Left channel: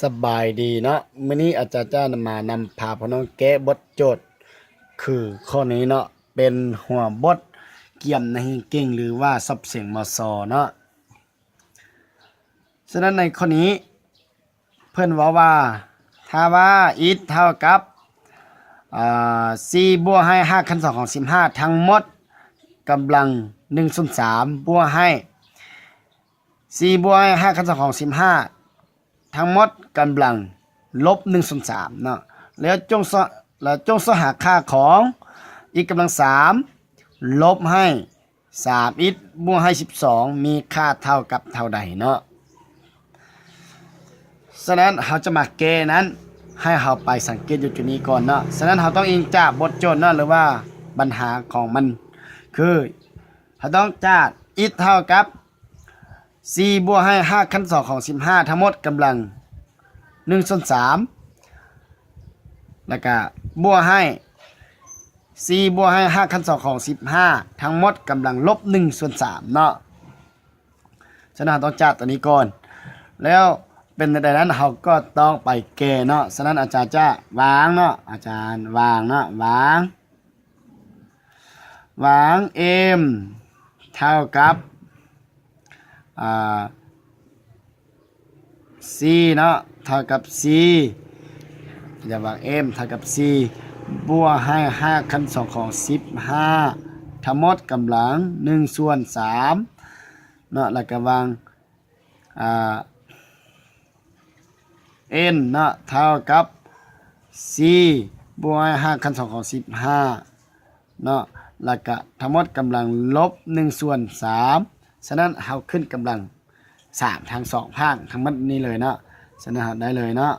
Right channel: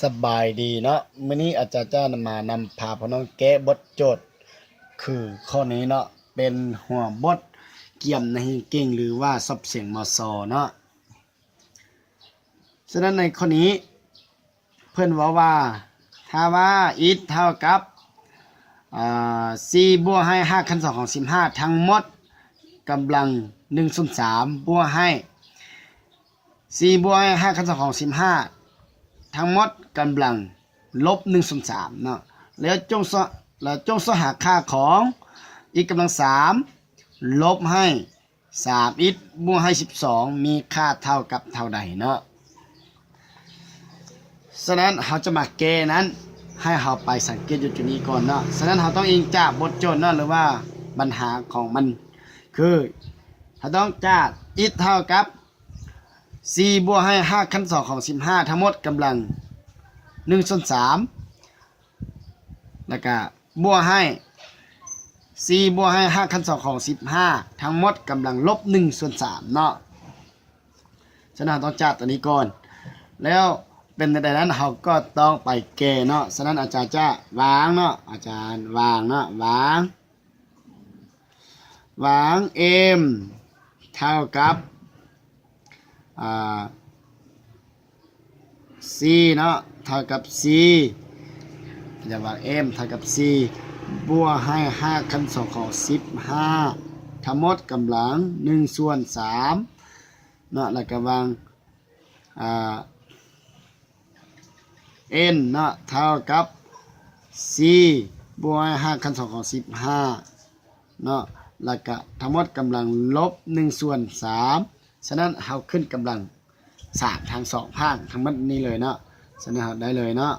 สบายดีเนาะมื้อนี้อาจารย์จ้ามานำพาพี่น้องแก้บทโจทย์คือข้อนี้เนาะเป็นหัวบทเกี่ยมในเก่งหรือว่าซับเสียงมสเนาะฉะนั้นในข้อนี้เพื่อนว่าถ้าว่า it เท่ากับ4บวกให้5 ขั้น 2ของ15ทั้งหมดกำลัง1ส่วน3บวกให้4บวกให้5 ขั้น 2ของ15ทั้งหมดกำลังลบ1ส่วน3เนาะแล้วจงสหาค่าของอีกกำลัง3ลบให้3อีกบวกให้12มีค่าเท่ากับเท่าใดเนาะฉะนั้นเราจะมาแก้นั้นให้เราไปสังเกตอยู่จุดนี้ก่อนเนาะฉะนั้นเราต้องอิงจากบทโจทย์เนาะหรือว่าปัญหาของมันคือเราต้องจากอีกเท่ากับ4บวกให้5 ขั้น 2ของ15ทั้งหมดกำลัง1ส่วน3แล้วก็บวกให้4บวกให้5 ขั้น 2ของ15ทั้งหมดกำลังลบ1ส่วน3เนาะฉะนั้นต้องจัดตัวนี้ก่อนแล้วเป็นในนั้นเราก็ต้องไปแก้เนาะฉะนั้นอาจารย์จะวางเนาะอาจารย์วางเนาะวาง m เท่ากับc เนาะเท่ากับ c จะวาง m เท่ากับ c บวกให้5 ขั้น 2ของ15ทั้งหมดกำลัง1ส่วน3เนาะแล้วก็วางn เนาะเท่ากับ c บวกให้5 ขั้น 2ของ15เนาะแล้วก็ทั้งหมดกำลังลบ1ส่วน3ฉะนั้นเราขึ้นกำลัง3ทาง2ข้างทั้งหมดนี้เลยเนาะฉะนั้นเราได้เลยเนาะ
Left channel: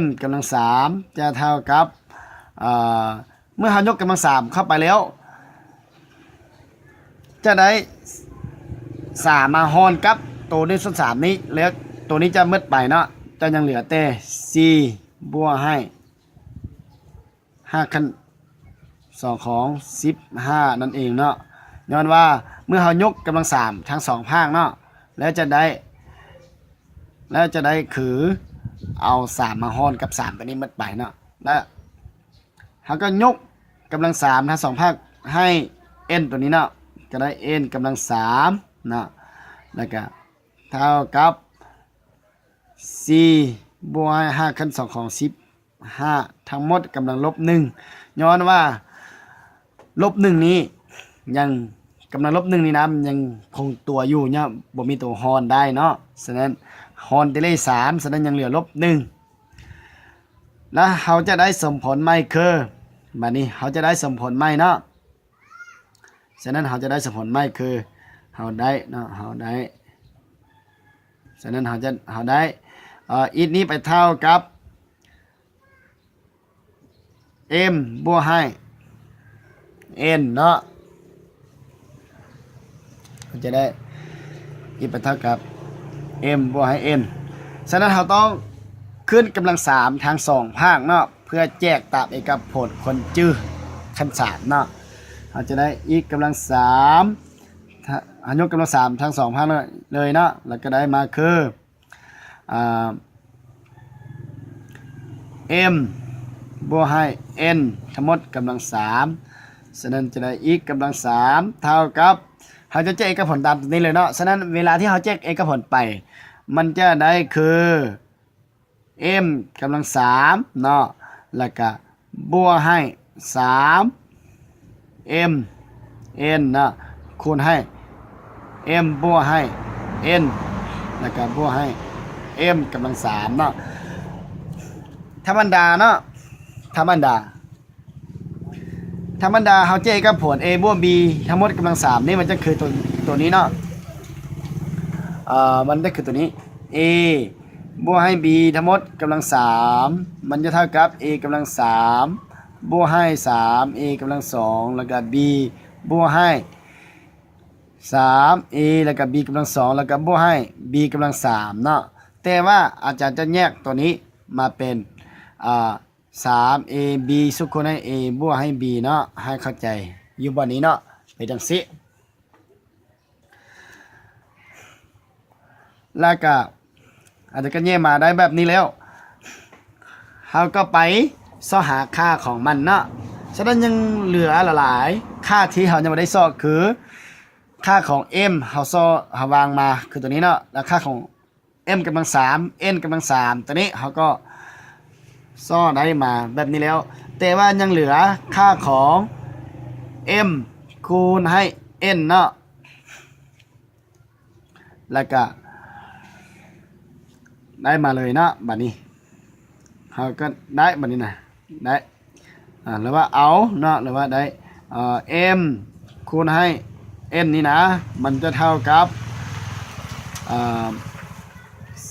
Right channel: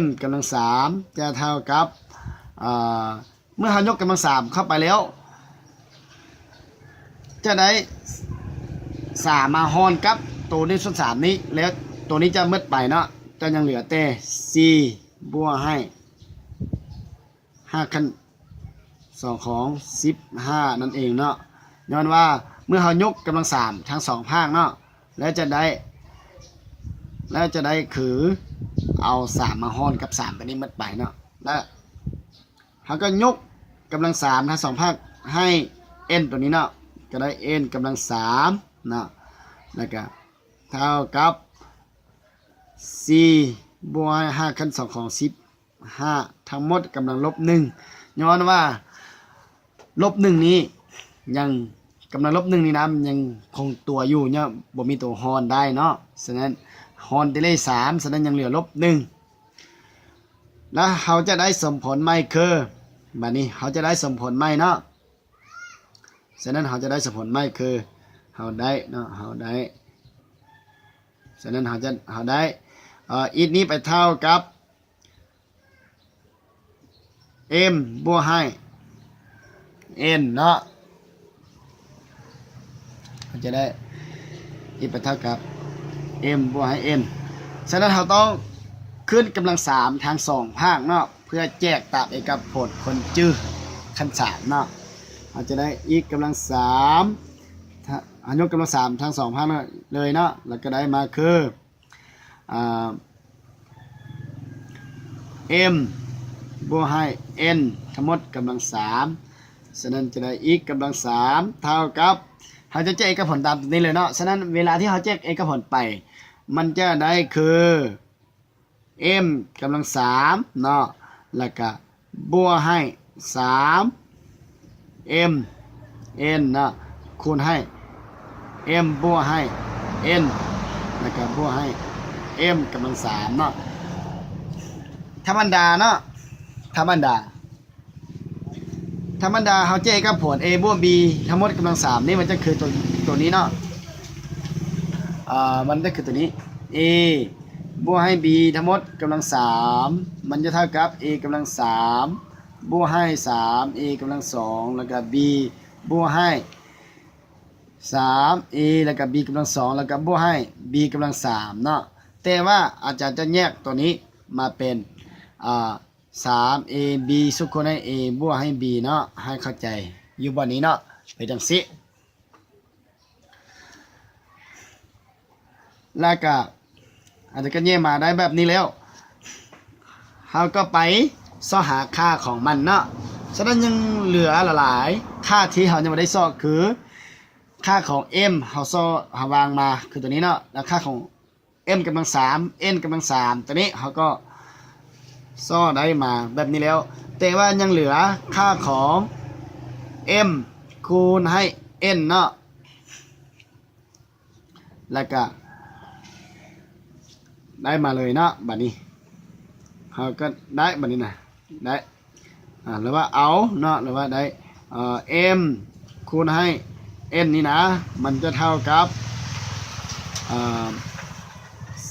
m กำลัง3จะเท่ากับเมื่อเรายกกำลัง3เข้าไปแล้วจะได้3มาหารกับตัวนี้ส่วน3นี้แล้วตัวนี้จะมืดไปเนาะจะยังเหลือแต่ c บวกให้5 ขั้น 2ของ15นั่นเองเนาะย้อนว่าเมื่อเรายกกำลัง3ทั้ง2ภาคเนาะแล้วจะได้คือเอา3มาหารกับ3ตัวนี้มืดไปเนาะแล้วเราก็ยกกำลัง3ทั้ง2ภาคให้ n ตัวนี้เนาะจะได้ n กำลัง3เนาะแล้วก็เท่ากับ4บวก5 ขั้น 2ของ15ทั้งหมดกำลังลบ1ย้อนว่าลบ1นี้ยังกำลังลบ1นี้นะมันยังคงตัวอยู่เนี่ยบ่มีตัวฮอนได้เนาะฉะนั้นฮอนได้เลข3ฉะนั้นยังเหลือลบ1แล้วเขาจะได้สมผลไม่คือบัดนี้เขาจะได้สมผลไม่เนาะฉะนั้นเขาจะได้สมผลไม่คือเขาได้เนาะเขาได้ฉะนั้นเขาได้อีกนี้ไปเท่ากับ m บวกให้ n เนาะมันจะได้อีกไปเท่ากับ m บวกให้ n ฉะนั้นเราต้องขึ้นกำลัง3ทาง2ภาคเนาะเพื่อแจกตามเอกผลคนจื้อขั้น3เนาะเราจะได้อีกกำลัง3ยกกำลัง3ทาง2ภาคเลยเนาะแล้วก็ได้มาคือm บวกให้ n ทั้งหมดกำลัง3ฉะนั้นจะได้อีกกำลัง3เท่ากับเราจะแจกเอกผลตามนี้เลยเนาะฉะนั้นเวลาที่เราแจกเอกผลไปมันจะได้คือ m กำลัง3เนาะแล้วก็บวกให้3 m n เนาะคูณให้ m บวกให้ n แล้วก็บวกให้ m กำลัง3เนาะธรรมดาเนาะธรรมดาเขาเจ๊กับผล a บวก b ทั้งหมดกำลัง3นี่มันจะคือตัวนี้เนาะมันจะคือตัวนี้ a บวกให้ b ทั้งหมดกำลัง3มันจะเท่ากับ a กำลัง3บวกให้3 a กำลัง2แล้วก็ b บวกให้3 a แล้วก็ b กำลัง2แล้วก็บวกให้ b กำลัง3เนาะแต่ว่าอาจารย์จะแยกตัวนี้มาเป็น3 a b สุขคนให้ a บวกให้ b เนาะให้เข้าใจอยู่บนนี้เนาะไปจังสิแล้วก็ อาจจะก็แย่มาได้แบบนี้แล้วเราก็ไปซ่อหาค่าของมันเนาะฉะนั้นยังเหลือหลายค่าที่เรายังไม่ได้ซ่อคือค่าของ m เราซ่อหาวางมาคือตัวนี้เนาะแล้วค่าของ m กำลัง3 n กำลัง3ตัวนี้เขาก็ซ่อได้มาแบบนี้แล้ว แต่ว่ายังเหลือค่าของ m คูณให้ n เนาะแล้วก็ได้มาเลยเนาะบัดนี้เขาก็ได้บัดนี้นะได้หรือว่าเอาเนาะหรือว่าได้m คูณให้ n นี่นะมันจะเท่ากับ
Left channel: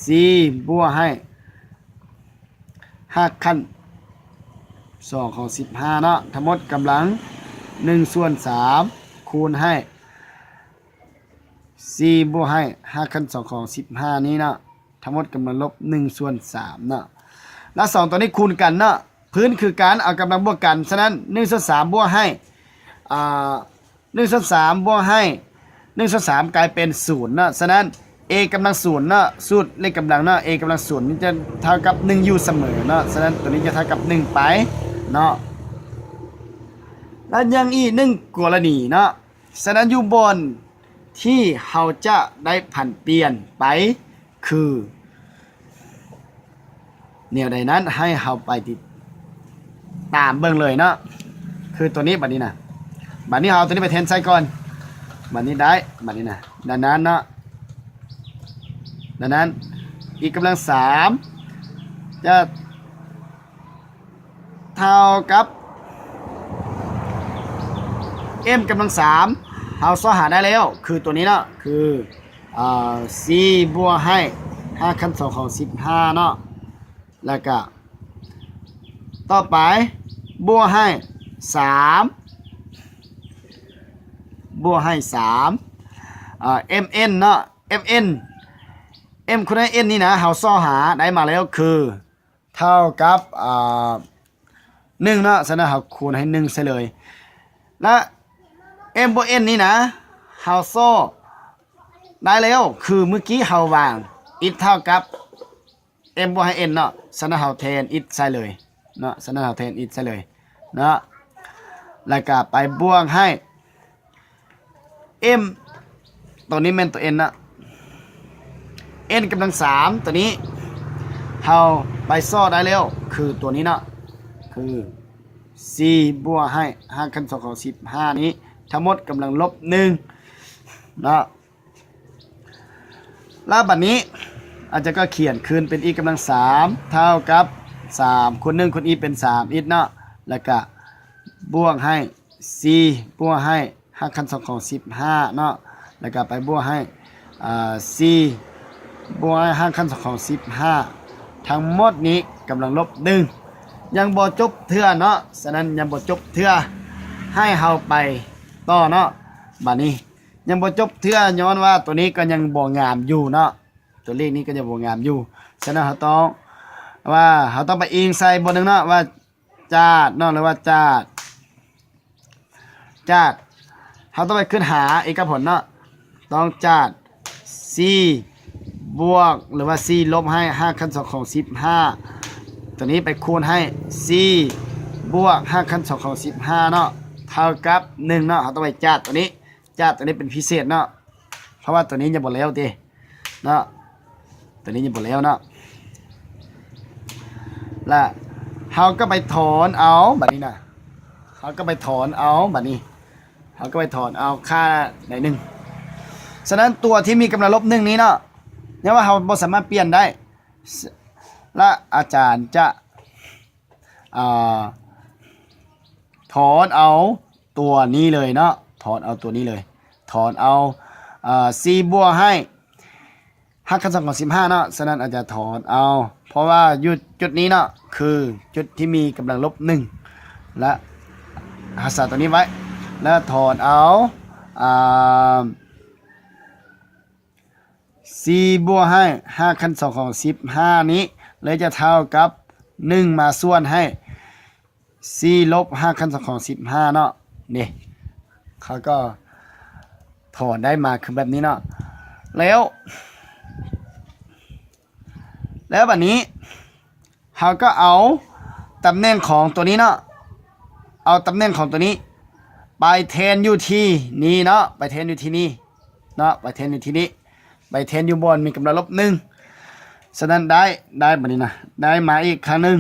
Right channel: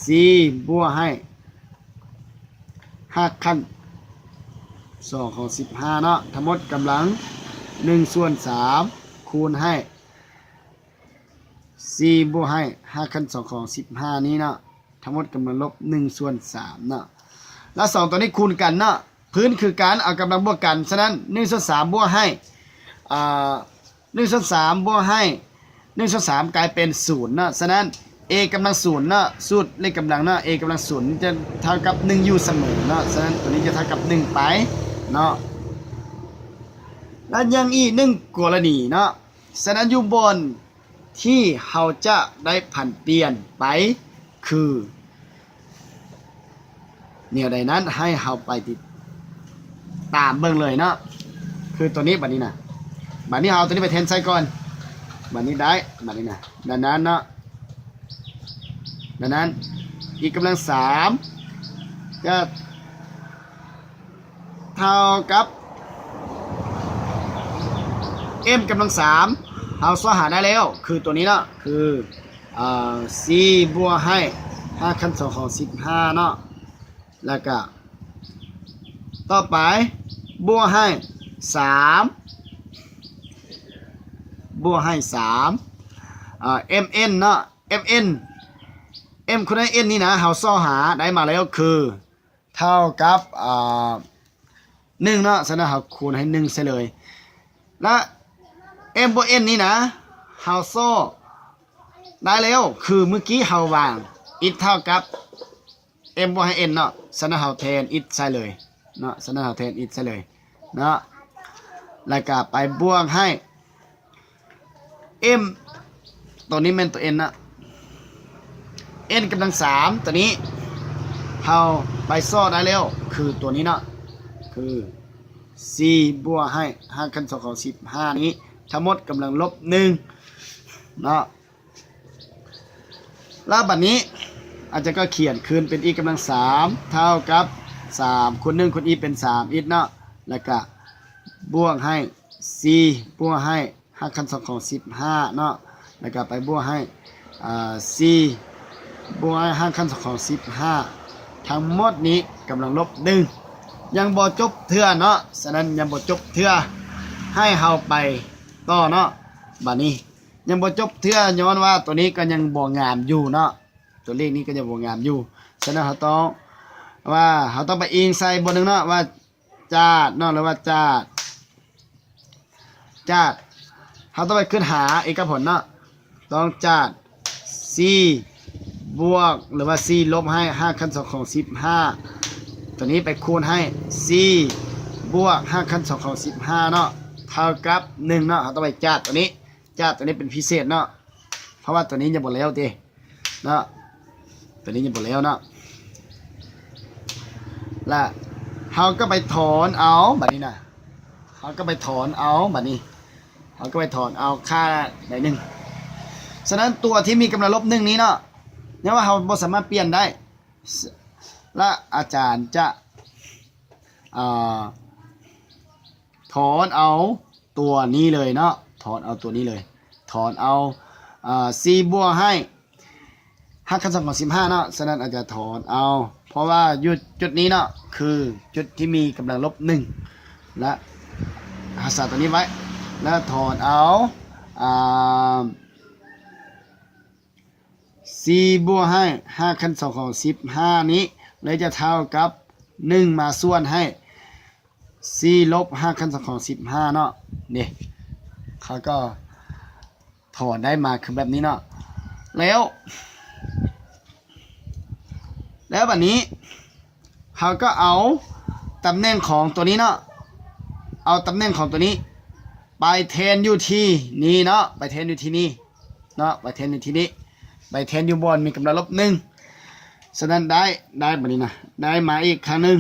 c บวกให้5ขั้น2ของ15เนาะทั้งหมดกำลัง1/3คูณให้c บวกให้5ขั้น2ของ15นี้เนาะทั้งหมดกำลังลบ1/3เนาะแล้ว2ตัวนี้คูณกันเนาะพื้นคือการเอากำลังบวกกันฉะนั้น1/3บวกให้1/3บวกให้1/3กลายเป็น0เนาะฉะนั้น a กำลัง0เนาะสูตรเลขกำลังเนาะ a กำลัง0นี่จะเท่ากับ1อยู่เสมอเนาะฉะนั้นตัวนี้จะเท่ากับ1ไปเนาะแล้วยังอีก1กรณีเนาะฉะนั้นอยู่บนที่เราจะได้ผันเปลี่ยนไปคือเนี่ยใดนั้นให้เราไปติดตามเบิ่งเลยเนาะคือตัวนี้บัดนี้นะบัดนี้เอาตัวนี้ไปแทนใส่ก่อนบัดนี้ได้บัดนี้นะดังนั้นเนาะดังนั้นอีกกำลัง3จะเท่ากับ m กำลัง3เราซ่อหาได้แล้วคือตัวนี้เนาะคือc บวกให้5ขั้น2ของ15เนาะแล้วก็ต่อไปบวกให้3บวกให้mn เนาะ m คูณให้ n นี่นะเราซ่อหาได้มาแล้วคือเท่ากับ1เนาะฉะนั้นเราคูณให้1ซะเลยและ m บวก n นี่นะเราซ่อได้แล้วคือเมื่อกี้เราวาง it เท่ากับ m บวกให้ n เนาะฉะนั้นเราแทน it ใส่เลยเนาะฉะนั้นเราแทน it ใส่เลยเนาะแล้วก็ไปบวกให้ m ตัวนี้เป็นตัว n นะ n กำลัง3ตัวนี้เราไปซ่อได้แล้วคือตัวนี้เนาะคือ c บวกให้5ขั้น2ของ15นี้ทั้งหมดกำลังลบ1เนาะแล้วบัดนี้อาจจะก็เขียนคืนเป็น e กำลัง3เท่ากับ3คูณ1คูณ e เป็น3 e เนาะแล้วก็บวกให้ c บวกให้5ขั้น2ของ15เนาะแล้วก็ไปบวกให้c บวกให้5ขั้น2ของ15ทั้งหมดนี้กำลังลบ1ยังบ่จบเทื่อเนาะฉะนั้นยังบ่จบเทื่อให้เฮาไปต่อเนาะบัดนี้ยังบ่จบเทื่อย้อนว่าตัวนี้ก็ยังบ่งามอยู่เนาะตัวเลขนี้ก็ยังบ่งามอยู่ฉะนั้นเราต้องไปอิงใส่บนนึงเนาะว่าจาดเนาะหรือว่าจาดเราต้องไปขึ้นหาเอกผลเนาะต้องจาด c บวกหรือว่า c ลบให้5ขั้น2ของ15ตัวนี้ไปคูณให้ c บวก5ขั้น2ของ15เนาะเท่ากับ1เนาะเราต้องไปจาดตัวนี้เป็นพิเศษเนาะเพราะว่าตัวนี้ยังบ่แล้วติเนาะตัวนี้ยังบ่แล้วเนาะแล้วเราก็ไปถอนเอาบัดนี้นะเราก็ไปถอนเอาบัดนี้เราก็ไปถอนเอาค่าไหนหนึ่งฉะนั้นตัวที่มีกำลังลบ1นี้เนาะเนี่ยว่าเราบ่สามารถเปลี่ยนได้และอาจารย์จะถอนเอาตัวนี้เลยเนาะถอนเอาตัวนี้เลยถอนเอาc บวกให้5ขั้น2ของ15เนาะฉะนั้นอาจจะถอนเอาเพราะว่าจุดนี้เนาะคือจุดที่มีกำลังลบ1และหาสารตัวนี้ไว้แล้วถอนเอาc บวกให้5ขั้น2ของ15นี้เลยจะเท่ากับ1มาส่วนให้ c ลบ5ขั้น2ของ15เนาะนี่เขาก็ถอนได้มาคือแบบนี้เนาะแล้ว แล้วบัดนี้เราก็เอาตำแหน่งของตัวนี้เนาะเอาตำแหน่งของตัวนี้ไปแทนอยู่ที่นี่เนาะไปแทนอยู่ที่นี่เนาะไปแทนอยู่ที่นี้ไปแทนอยู่บนมีกำลังลบ1ฉะนั้นได้บัดนี้นะได้มาอีกครั้งหนึ่ง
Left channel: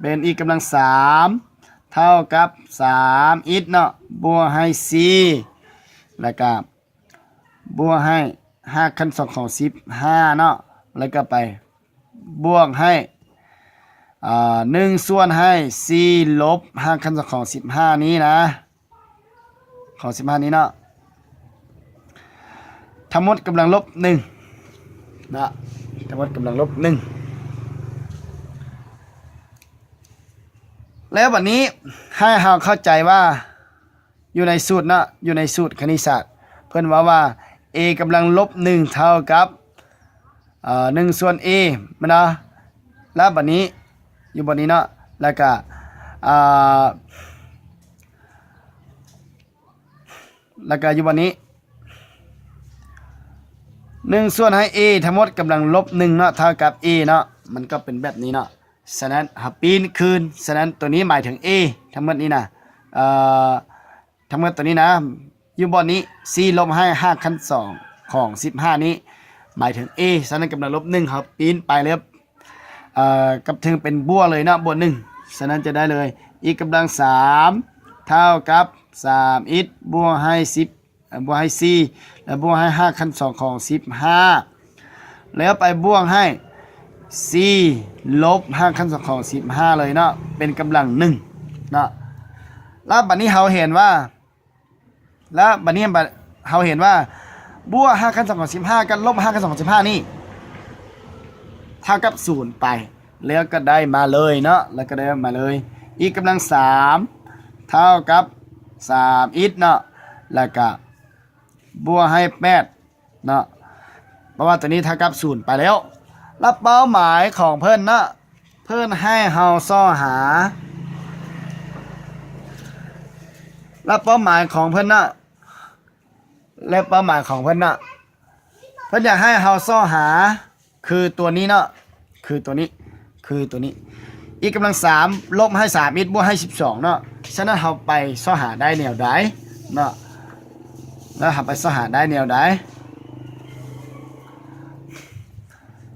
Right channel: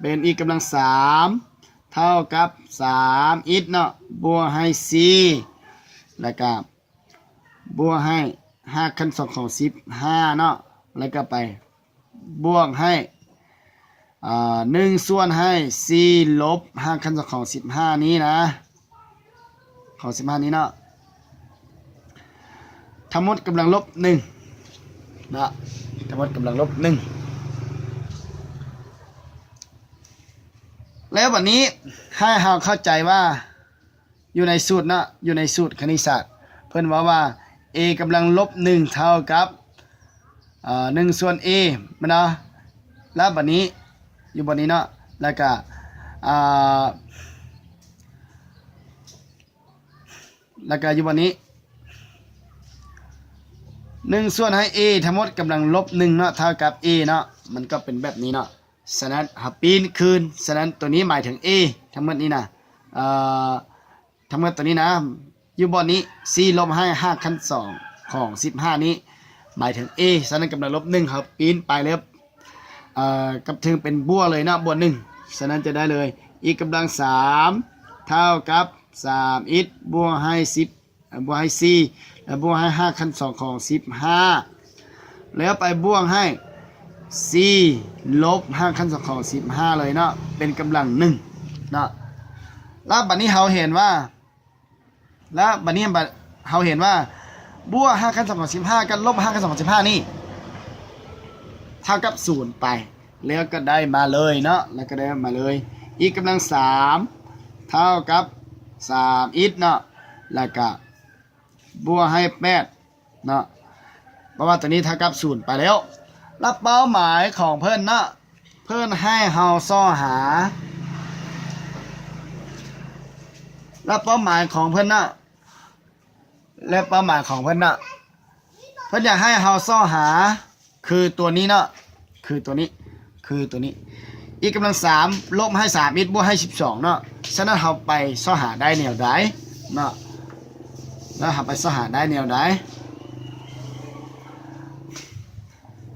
เป็นอีกกำลัง3เท่ากับ3อิฐเนาะบวกให้4แล้วก็บวกให้5คูณ2ของ15เนาะแล้วก็ไปบวกให้1ส่วนให้4ลบ5คูณ2ของ15นี้นะของ15นี้เนาะทั้งหมดกำลังลบ1นะทั้งหมดกำลังลบ1แล้ววันนี้ให้เราเข้าใจว่าอยู่ในสูตรนะอยู่ในสูตรคณิตศาสตร์เพิ่นว่า a กำลังลบ1เท่ากับ1ส่วน a มันนะแล้วบัดนี้อยู่บนนี้เนาะแล้วก็อยู่บนนี้1ส่วนให้ a ทั้งหมดกำลังลบ1เนาะเท่ากับ a เนาะมันก็เป็นแบบนี้เนาะฉะนั้นปีนคืนฉะนั้นตัวนี้หมายถึง a ทั้งหมดนี้นะทั้งหมดตัวนี้นะอยู่บนนี้4ลบให้5คูณ2ของ15นี้หมายถึง a ฉะนั้นกำลังลบ1ครับปีนไปเลยกับถึงเป็นบวกเลยนะบวก1ฉะนั้นจะได้เลยอีกกำลัง3เท่ากับ3อิฐบวกให้10บวกให้4แล้วบวกให้5คูณ2ของ15แล้วไปบวกให้4ลบ5คูณ2ของ15เลยเนาะเป็นกำลัง1เนาะแล้วบัดนี้เราเห็นว่าบวก5คูณ2ของ15กับลบ5คูณ2ของ15นี่เท่ากับ0ไปแล้วก็ได้มาเลยเนาะแล้วก็ได้มาเลยอีกกำลัง3เท่ากับ3อิฐเนาะแล้วก็บวกให้8เนาะเพราะว่าตัวนี้เท่ากับ0ไปแล้วรับเป้าหมายของเพิ่นนะเพิ่นให้เฮาซ้อหารับเป้าหมายของเพิ่นนะและเป้าหมายของเพิ่นนะเพิ่นอยากให้เฮาซ้อหาคือตัวนี้นะคือตัวนี้อีกกำลัง3ลบให้3อิฐบวกให้12เนาะฉะนั้นเฮาไปซ้อหาได้แนวใดเนาะแล้วหาไปซ้อหาได้แนวใด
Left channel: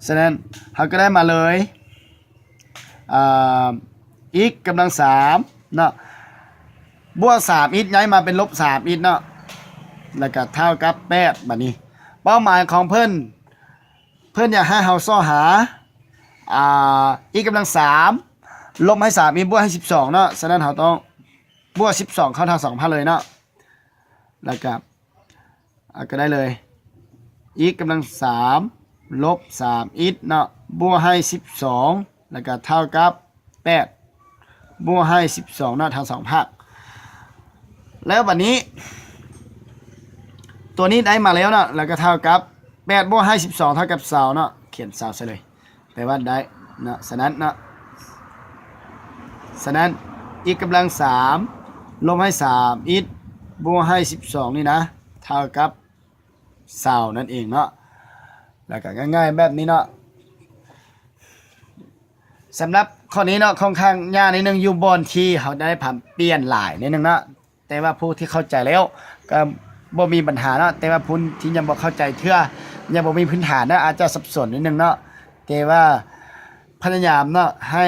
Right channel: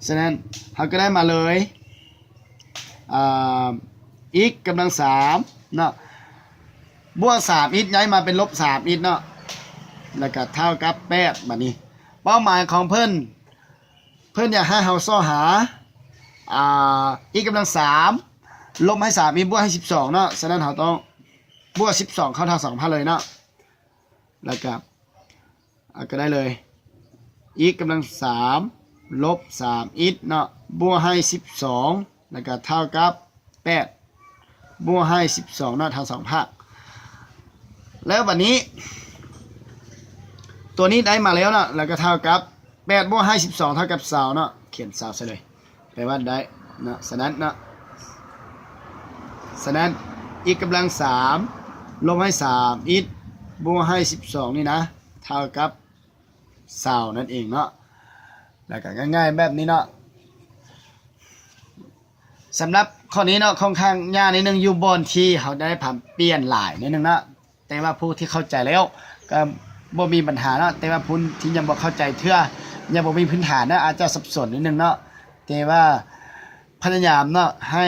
ฉะนั้นเราก็ได้มาเลยอีกกำลัง3เนาะบวก3อิฐย้ายมาเป็นลบ3อิฐเนาะแล้วก็เท่ากับ8บัดนี้เป้าหมายของเพิ่นอยากให้เราซ้อหาอีกกำลัง3ลบให้3อิฐบวกให้12เนาะฉะนั้นเราต้องบวก12เข้าเท่า2,000เลยเนาะแล้วก็ได้เลยอีกกำลัง3ลบ3อิฐเนาะบวกให้12แล้วก็เท่ากับ8บวกให้12เนาะทั้ง2ภาคแล้วบัดนี้ตัวนี้ได้มาแล้วเนาะแล้วก็เท่ากับ8บวกให้12เท่ากับ20เนาะเขียน20ซะเลยแปลว่าได้เนาะฉะนั้นอีกกำลัง3ลบให้3อิฐบวกให้12นี่นะเท่ากับ20นั่นเองเนาะแล้วก็ง่ายๆแบบนี้เนาะสำหรับข้อนี้เนาะค่อนข้างยากนิดนึงอยู่บนที่เขาได้ผันเปลี่ยนหลายนิดนึงเนาะแต่ว่าผู้ที่เข้าใจแล้วก็บ่มีปัญหาเนาะแต่ว่าผู้ที่ยังบ่เข้าใจเทื่อยังบ่มีพื้นฐานนะอาจจะสับสนนิดนึงเนาะแต่ว่าพยายามเนาะให้